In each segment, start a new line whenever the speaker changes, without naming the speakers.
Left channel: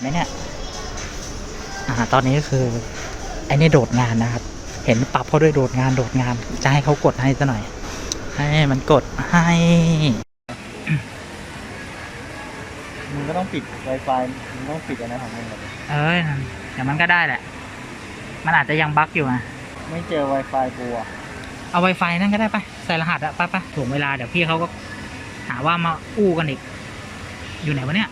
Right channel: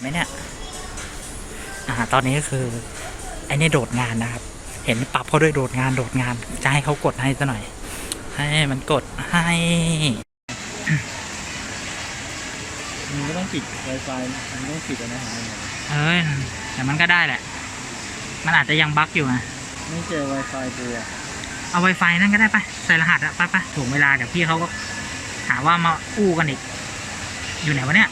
ไหมเนี่ย อ่า ตอนนี้ก็คือไอ้นี่โดดงานนะครับ เห็นปรับเขาด้วยโดดงานโดดงาน จะให้เขากดให้ซะหน่อย ให้มันกดให้
มึงก็ต้องปิด Wi-Fi มึงต้องปิดอันนั้นของมึง
เอ้ยแต่มันก็ได้แหละ มันอาจจะยังบั๊กอยู่นะ
ไม่เจอ Wi-Fi กูอะ
เอา Wi-Fi นั่นก็ได้ปะใส่รหัสอะไปไปถ่วงเวลาเดี๋ยวพี่เขาก็หาว่ามาอู้กันอีก อยู่ไหนวะเนี่ย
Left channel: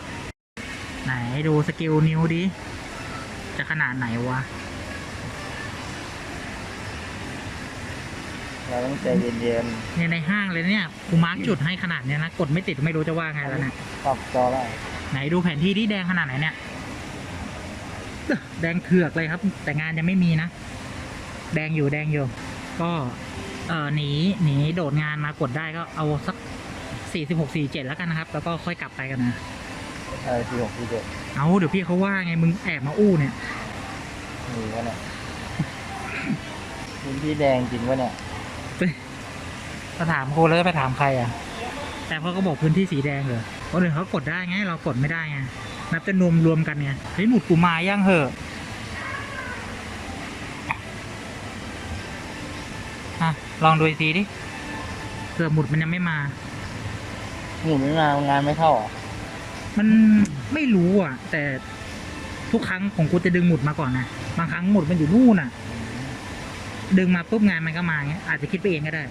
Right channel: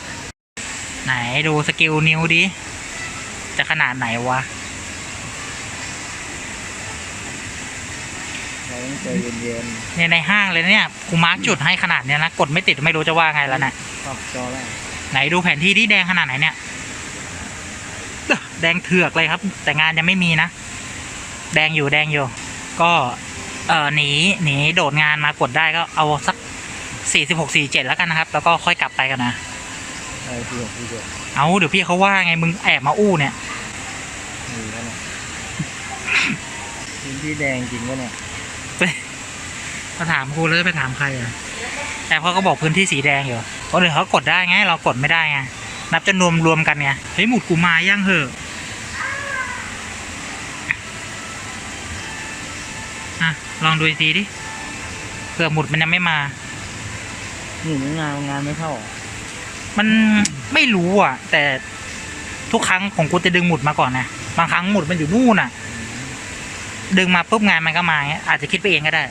ไหนดูสกิลนิ้วดิ จะขนาดไหนวะ
เราต้องใจเย็น
เนี่ยในห้างเลยนะเนี่ยกูมาร์กจุดให้ขนาดเนี้ยนะกดไม่ติดไม่รู้จะว่าไงแล้วนะ
ๆปรับจอได้
ไหนดูแผนที่ที่แดงขนาดไหนเนี่ยเอ้อแดงเถือกเลยครับ แต่งานยังไม่มีนะ แดงอยู่แดงอยู่ ก็เออหนีหนีโดดงานมากดได้ก็เอาสักสี่สิบหกสี่เจ็ดแล้วกันนะครับ แล้วก็ค่อยกลับไปกันนะ
เออที่หกที่เจ็ด
เอาเดี๋ยวพี่เขาว่าไงมึงแอบมาอู้เนี่ย
นี่ก็เนี่ยพื้นที่แดงจริงวะเนี่ย
มาถามครูแล้วจะไปถามใครอะ แต่เขาก็บอกพื้นที่สีแดงอยู่คนอื่นเขากดได้ไง เรากดไม่ได้ไง นับจำนวนรวมกันไง เฮ้ยหมุดกูมาย่างเหอะอะลองดูอีกทีดิ เผื่อหมุดมันยังไม่มา
หนูไม่มางานไม่เข้าเหรอะ
มันไม่รู้อะ แต่ทุกครั้งของกูจะดึงหมุดมาก่อนนะบางครั้งหมุดมันอยู่นู่นอะ ดึงมาปุ๊บงานมันก็มาเงี้ยอาจจะคิดไปเองก็ได้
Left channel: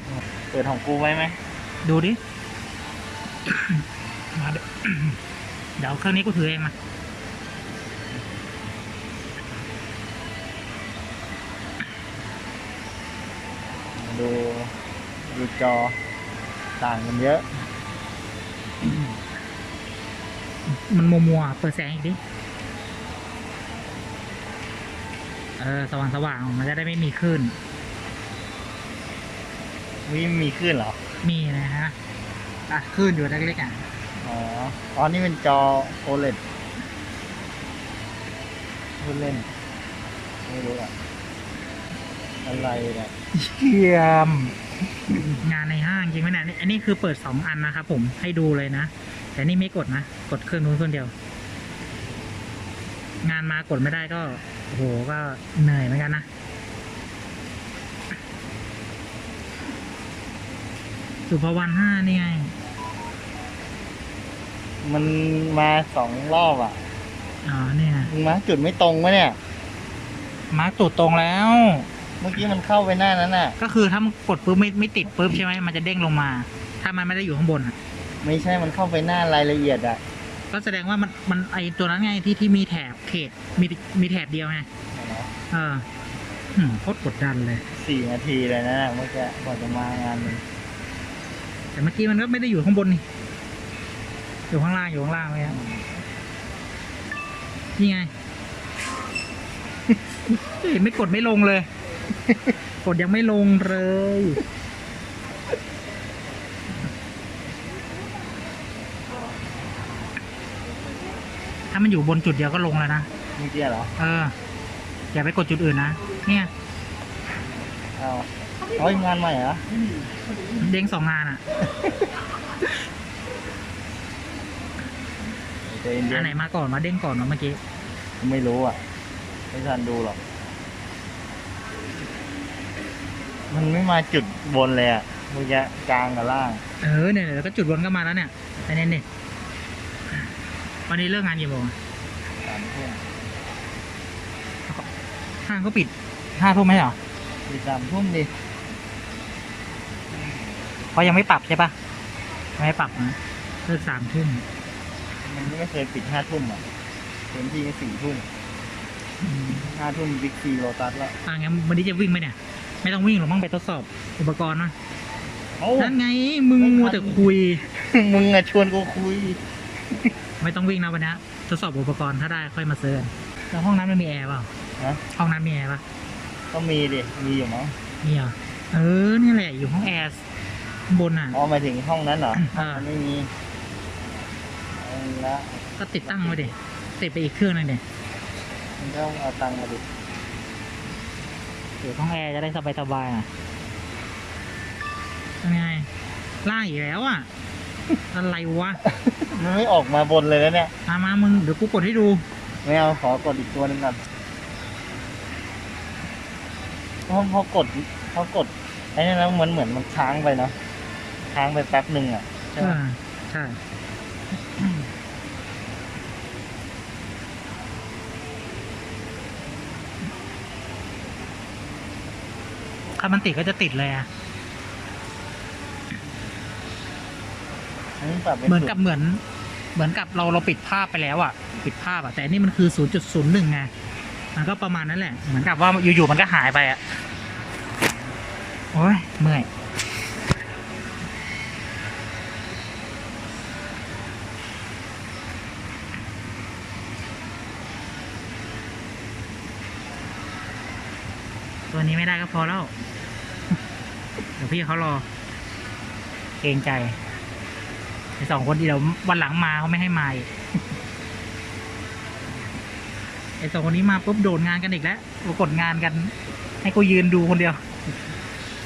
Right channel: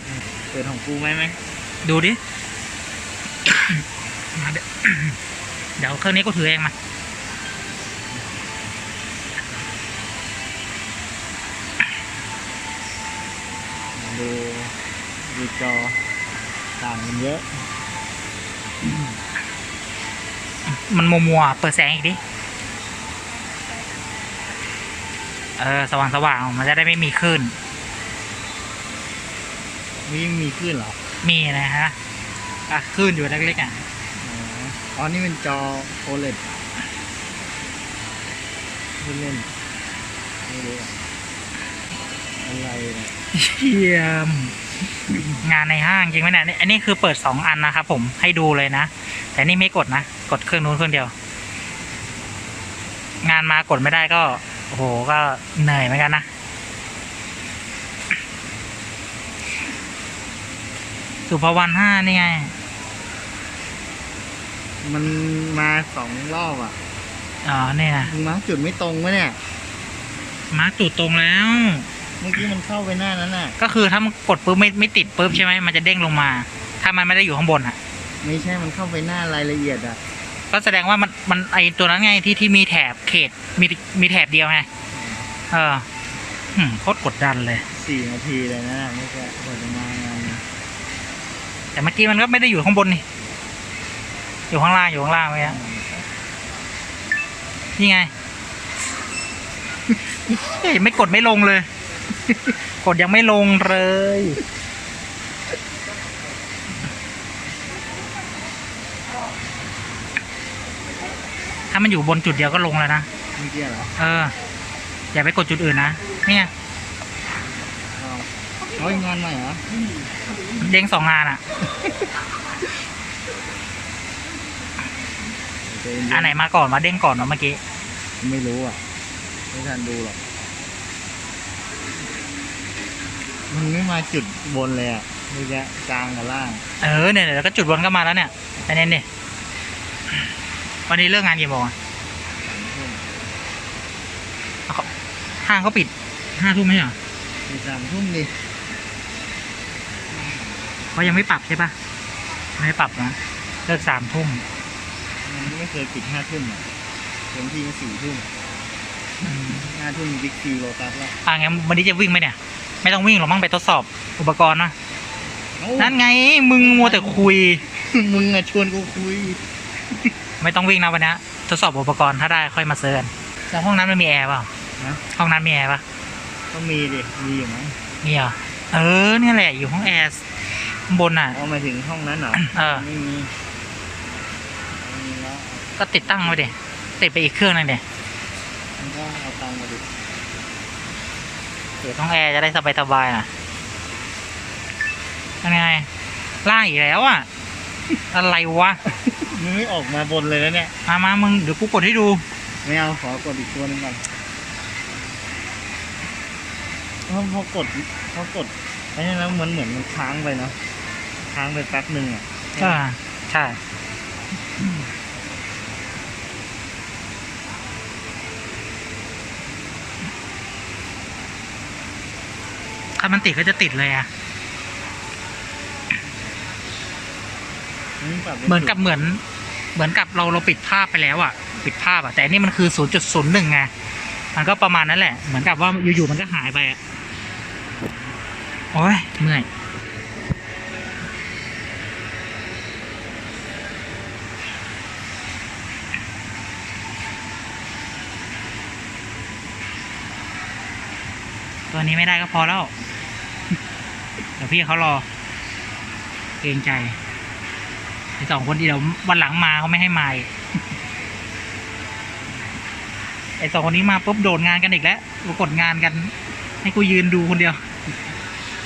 เปิดของกูไว้ไหม
ดูดิ มาเดี๋ยวเดี๋ยวเครื่องนี้กูถือเองมา
ดูดูจอต่างกันเยอะ
มันมัวมัวๆเปิดแสงอีกดิ เออ สว่างสว่างๆมันจะได้ไม่มีคลื่น
นี่มีขึ้นเหรอ
มีนะฮะ อะคลื่นอยู่เล็กๆอะ
อ๋อ อ๋อ นี่เป็นจอ OLED พูดเล่นไม่รู้อะอะไรเนี่ย
เยี่ยมงานในห้างจริงไหมเนี่ยนี่อันนี้คือเปิดสองอันนะครับผมให้ดูเลยนะ แต่นี่ไม่กดนะ กดเครื่องนู้นเครื่องเดียว งานมากดไม่ได้ก็โอ้โหก็เหนื่อยเหมือนกันนะสุภวันห้านี่ไง
มันมาสองรอบอะ
อ๋อนี่นะ
มึงมาร์คจุดไม่ตรงวะเนี่ย
มาร์กจุดตรงแล้ว
เมื่อกี้มันเข้าไปหน้านั้นน่ะ
ก็คือถ้ามันกดปุ๊บไม่ไม่ติดปุ๊บใช่ไหมมันจะเด้งลงมา ถ้ามันไม่ได้อยู่ข้างบนอะ
ไม่ใช่มันเข้าไปหน้ารายละเอียดอะ
ก็แสดงว่ามันมันไอตัวนั้นไงที่ที่มีแถบเขตมีมีแถบเดียวไงเออหืมโคตรกดดันเลย
สี่นาทีเลยนะไม่ใช่กว่าจะมางานนี้
แต่เมื่อกี้มันก็ไม่ได้อยู่ข้างบนนี่ อยู่ข้างล่างอยู่ข้างล่างไว้อะนี่ไงเฮ้ยไม่กดไม่ลงเลย กดยังไม่ลงเลย ถ้ามันอยู่บนจุดเดียวก็ลงแล้วนะ
เมื่อกี้เหรอ
เออ อย่าไปกดจุดอื่นนะ เนี่ย
เอาเอางานใหม่เหรอ
เด้งสองงานอะ
ใจเย็ๆ
อันไหนมาก่อนมาเด้งก่อนวะเมื่อกี้
ไม่รู้อะ ไม่ทันดูหรอก มันไม่มาจุดบนเลยอะมันจะกลางกับล่าง
เออเนี่ยเดี๋ยวก็จุดบนก็มาแล้วเนี่ยอันนี้เนี่ย วันนี้เลิกงานกี่โมงอะ
สามทุ่ม
ห้างเขาปิดห้าทุ่มไหมเหรอ
มีสามทุ่มดิ
เขายังไม่ปรับใช่ปะไม่ปรับนะเลิกสามทุ่ม
มันก็ไม่เคยปิดห้าทุ่มอะเต็มที่สี่ทุ่ม
อืม
ห้าทุ่มบิ๊กซีโลตัสแล้ว
อ่างั้นวันนี้จะวิ่งไหมเนี่ย ไม่ต้องวิ่งหรอกมั้งไปทดสอบอุปกรณ์นะ
เอ้า
นั่นไง มึงมัวแต่คุย
มึงอะชวนกูคุย
ไม่ต้องวิ่งนะวันนี้ทดสอบอุปกรณ์ถ้าได้ค่อยมาเซิร์นแล้วห้องนั้นมันมีแอร์เปล่า
นะ
ห้องนั้นมีแอร์ปะ
ก็มีดิ มีอยู่มั้ง
มีเหรอเออเนี่ยแหละอยู่ห้องแอร์ข้างบนอะ
อ๋อหมายถึงห้องนั้นเหรอ
เออ
ไม่มีเอาละ
ก็ติดตั้งไว้ดิติดไปอีกเครื่องนึงเดี๋ย
มันก็เอาตังค์มาดิ
อยู่ห้องแอร์จะได้สบายสบายๆหน่อยยังไงล่างอีกแล้วอะอะไรวะ
มันไม่ออกมาบนเลยแล้วเนี่ย
มามามึงเดี๋ยวกูกดให้ดู
ไม่เอาขอกดอีกตัวหนึงก่อนเพราะพอกดพอกดไอ้นี่นะมันเหมือนมันค้างไปเนาะค้างไปแป๊บหนึ่งอะ
อ่าใช่ถ้ามันติดก็จะติดเลยอะ
อันนี้ปรับไเห
มือนกับเหมือน เหมือนกับเราเราปิดภาพไปแล้วอะปิดภาพอะแต่อันนี่มันคือศูนย์จุดศูนย์หนึ่งไง มันก็ประมาณนั้นแหละ เหมือนกับว่าอยู่ๆมันก็หายไปอะโอ้ยเมื่อยตัวนี้ไม่ได้ก็พอแล้ว เดี๋ยวพี่เขารอเกรงใจ ไอสองคนที่เดี๋ยววันหลังมาเขาไม่ให้มาอีกไอสองคนนี้มาปุ๊บโดนงานกันอีกแล้วมากดงานกัน ให้กูยืนดูคนเดียว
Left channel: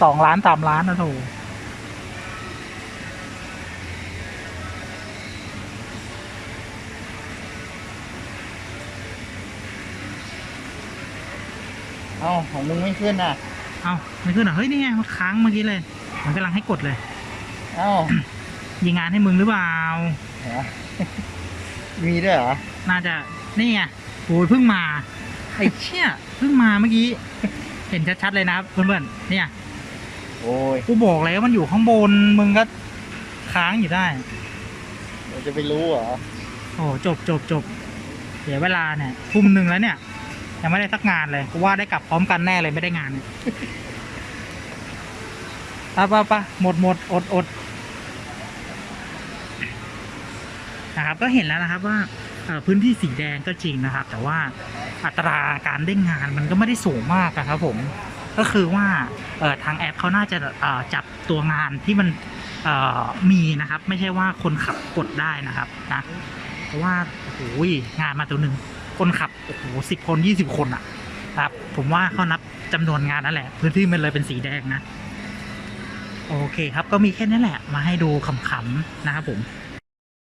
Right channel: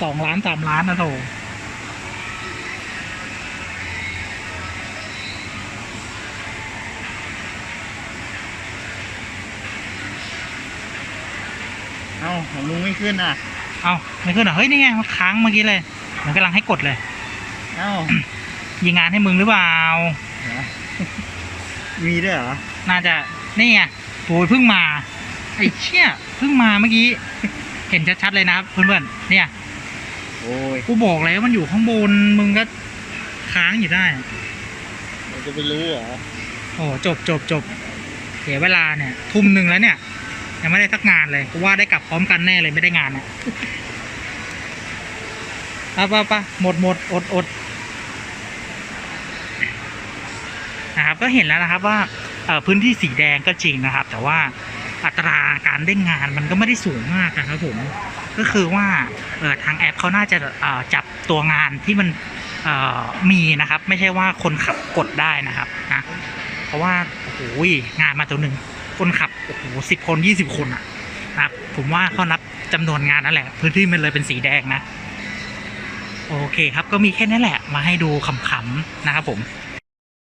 สองล้านสามล้านนะโถ
เอ้าของมึงไม่ขึ้นอะ
เอาไม่ขึ้นเหรอเฮ้ย นี่ไงมันค้างเมื่อกี้เลย มันกำลังให้กดเลย
เอ้า
ยิงงานให้มึงหรือเปล่า
เหรอมีด้วยเหรอ
น่าจะ นี่ไงโอ้ยเพิ่งมา ไอ้เชี่ยเพิ่งมาเมื่อกี้ เห็นชัดๆเลยนะครับเพื่อนๆ เนี่ย
โอ้ย
กูบอกแล้วมันอยู่ข้างบน มึงก็ค้างอยู่ได้
เราจะไปรู้เหรอ
โอ้จบจบจบเสียเวลาเนี่ย ทุ่มหนึ่งแล้วเนี่ย ยังไม่ได้สักงานเลยกูว่าได้กลับพร้อมกันแน่เลยไม่ได้งานเนี่ยปะปะปะหมดหมดอดอดนะครับ ก็เห็นแล้วนะครับว่าพื้นที่สีแดงก็จริงนะครับ แต่ว่าอัตราการเด้งงานมันก็ไม่ได้สูงมากนะครับผมก็คือว่าทางแอปเขาน่าจะจับตัวงานที่มันมีนะครับ ไม่ใช่ว่าคนขับกดได้นะครับนะเพราะว่าโอ้โหงานมาตัวหนึ่งคนขับโอ้โหสิบคนยี่สิบคนอะนะครับผมว่าเขานับจำนวนงานนั่นแหละ พื้นที่มันเลยเป็นสีแดงนะ โอเคครับก็มีแค่นี้แหละ มาให้ดูขำๆนะครับผม